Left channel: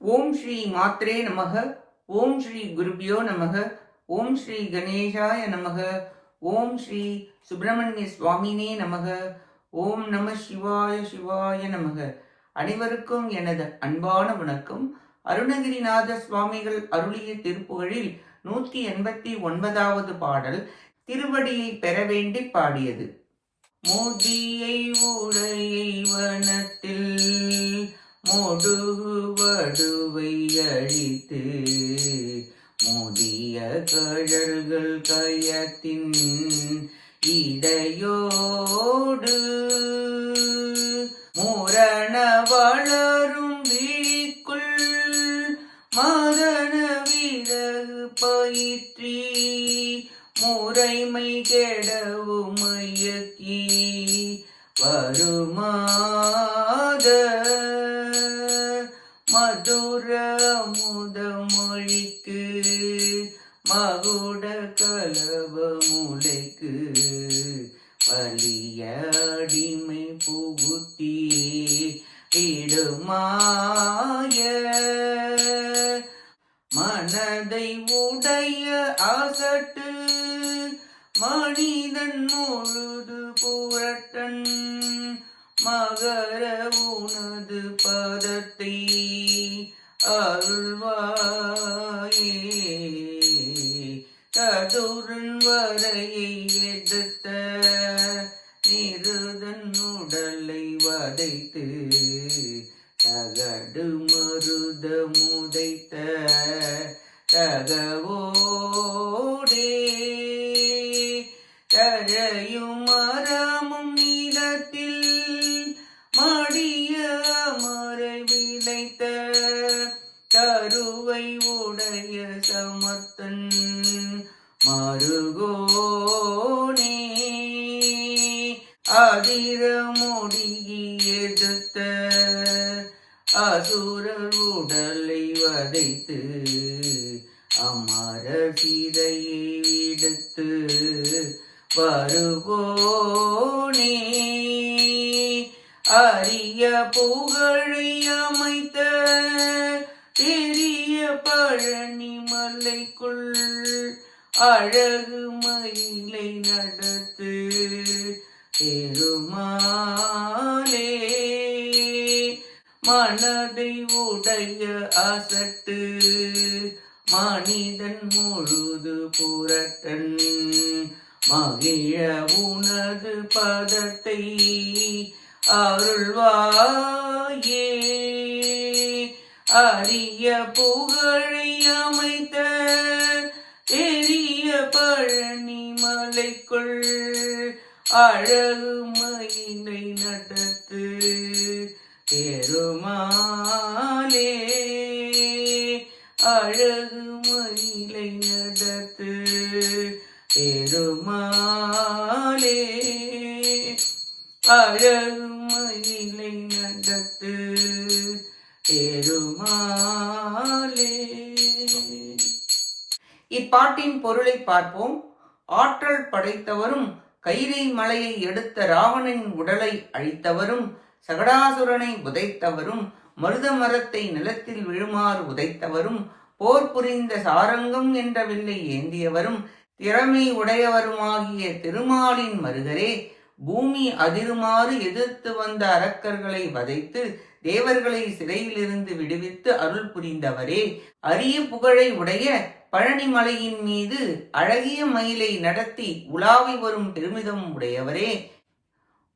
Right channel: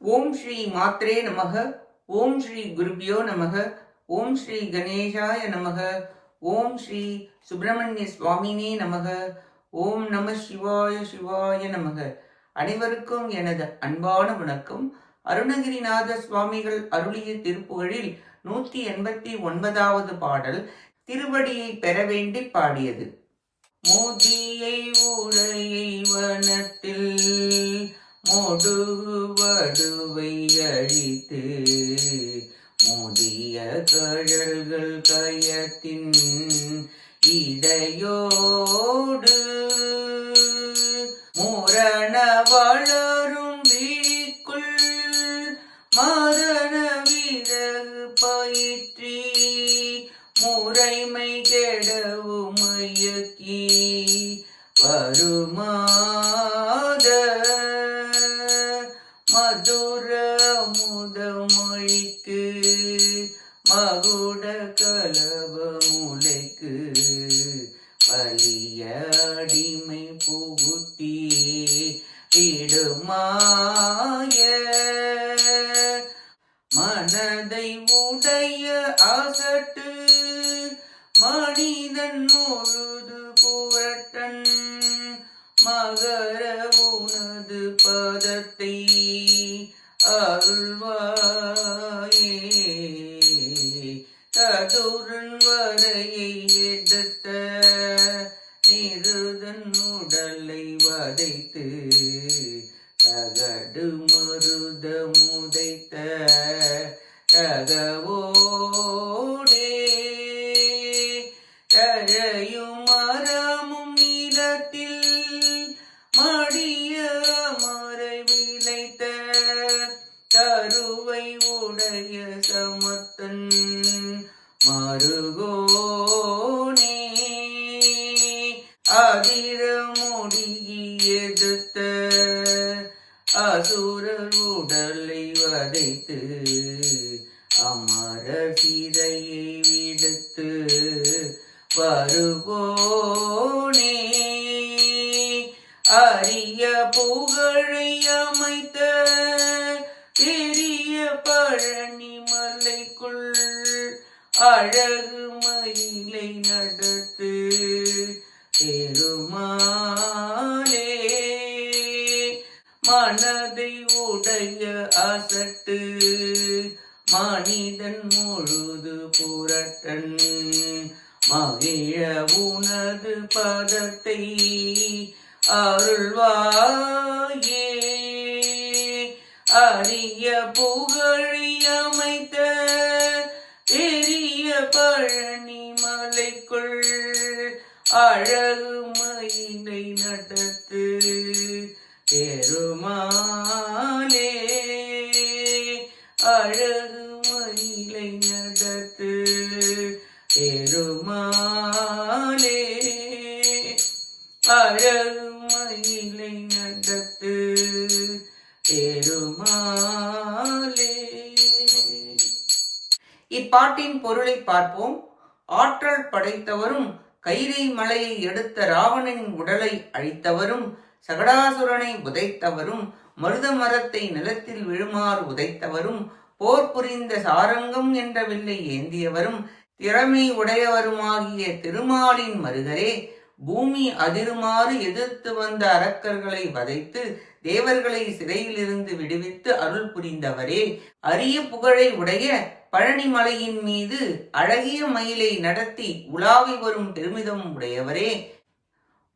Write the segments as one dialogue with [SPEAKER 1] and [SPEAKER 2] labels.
[SPEAKER 1] ஓம் ஸ்ரீ மாத்ரே நமக ஓம் ஸ்ரீ குருபியோ நமக ஓம் ஸ்ரீ கணேஷாய நமக ஓம் ஸ்ரீ சுப்பிரமணிய சுவாமினே நமக ஓம் நம சிவாய சிவாய நமக. அனைவருக்கும் எனது அன்பான வணக்கம். அருணகிரிநாத சுவாமிகள் அருளிய திருப்புகழில் நூற்றி எண்பத்தி ஒன்பதாவது பாடல் திருவடியை பெற வேண்டி பாடியது. மோதியை உடையை வனத்தில் மோடுவடுவை அழித்து மோதிய கழல்கள் கயத்தின் இடையோடு முரண வளரும் விழிக்குள் மதன விறகு பயிற்றி முறைமை கெடவும் மயக்கி மகுட கலவ வலிய அடிமை புகுத்தி இடுமாய மனதை உடைய அசட்டு மனிதன் முழுது புரட்டன் மகர உனது பதத்தை அருள்வார். கதுரன் வரையை எடுத்த நிருதன் உடலை வதைத்து தகடு மருத முதைத்த தகவோ அதிர முடிகி எடுத்த அசுரர் உடலை வதைத்து அமர சீதையை விடுத்து வருவோனே. அரிய புகழை அமைத்த பெரிய பழனி மலைக்குள் அழகு மயிலை நடத்து திருமாலே. மனதை உடைய அசட்டு மனிதன் முழுது புரட்டன். மகிழ உனது பதத்தை அருள்வாயே. அரிய புகழை அமைத்த அழகுமையினை நடத்து பெருமானே அழகு மயிலை நடத்து பெருமானே அழகுமையிலை நடத்து பெருமாளே. இப்பாட்டின் பொருளை பார்ப்போம். ஆற்றல் படைத்தவரும் கைலை மலையை எடுத்த ராவணன் உடலை அழித்தவரும் சகடாசுரனை உதைத்தவரும் மருத மரத்தை நிலத்தில் விழுமாறு உதைத்தவரும் போர் புரிந்த சாரங்கம் என்ற வில்லை ஏந்தியவரும் திறமை உடையவருமாகிய திருமாலின் மருகரே பூமி அதிருமாறு எதிர்த்து வந்த அரக்கர்களை வதைத்து தேவர்களை சிறையிலிருந்து விடுவித்து அருள் புரிந்தவரே. அரிய புகழை உடைய பழனிமலையின் மீது அழகிய மயிலை நடத்தி உலாவி வரும் பெருமிதம் உடையவரே.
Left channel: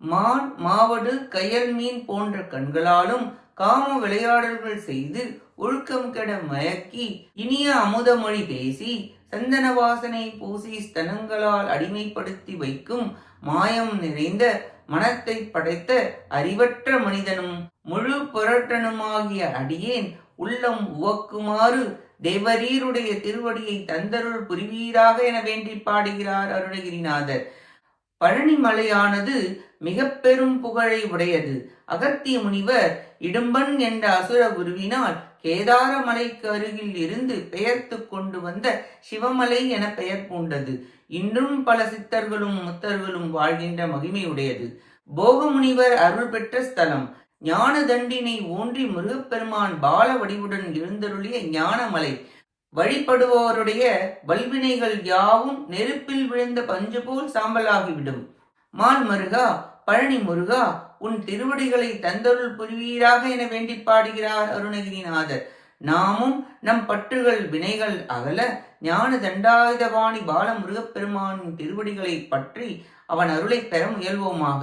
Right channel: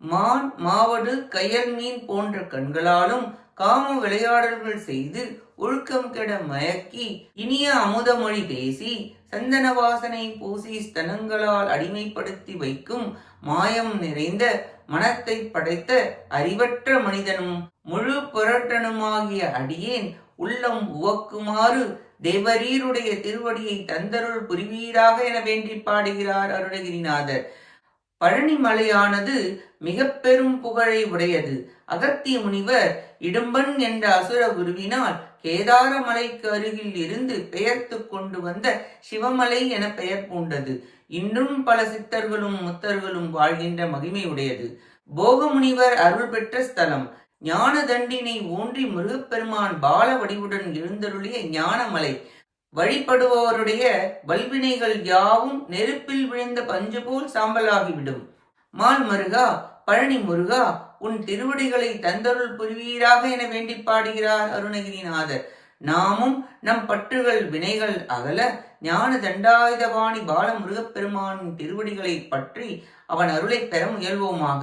[SPEAKER 1] மான் மாவடு கயல் மீன் போன்ற கண்களாலும் காம விளையாடல்கள் செய்து ஒழுக்கம் கெட மயக்கி இனிய அமுதமொழி பேசி சந்தன வாசனை பூசி ஸ்தனங்களால் அடிமைப்படுத்தி வைக்கும் மாயம் நிறைந்த மனத்தை படைத்த அறிவற்ற மனிதனும் முழு புரட்டனுமாகிய அடியேன் உள்ளம் உவக்குமாறு தேவரீருடைய திருவடியை தந்தருள் புரிவீராக என வேண்டி பாடுகிறார் அருணகிரிநாதர். பழனி மலையானது மிக பெரும் புகழை உடையது. அகத்திய முனிவர் இடும்பன் என்ற அசுர குருவினால் கேதார மலைக்கு அருகில் இருந்து பெயர்த்து கொண்டு வந்த சிவமலை என பெயர் பூண்டது. இன்றும் பல சித்தர்களும் முத்தர்களும் வாழ்கின்ற மகிமையுடையது போகமுனிவர் அருள் பெற்ற ஸ்தலம். ஞான தண்டினை ஊன்றி முருகப்பெருமான் பால வடிவுடன் எழுந்தருளிய ஞானமலை. வழிபடுபவருடைய வல்வினைகள் யாவும் நெருப்பில் விழுந்த பஞ்சு போல் சாம்பலாகிவிடும். மான் மருகா பழனி முருகா உன் திருவடிகளை தந்தருள் புரிவீராக என வேண்டி பாடுகிறார் அருணகிரிநாதர். நாமும் நம் பற்றுகள் வினைகள் அகல ஞான தண்டாயுதபாணி பால முருகப்பெருமானின் திருவடிகளை பற்றி அவன் அருளை பெற முயல்வோமாக.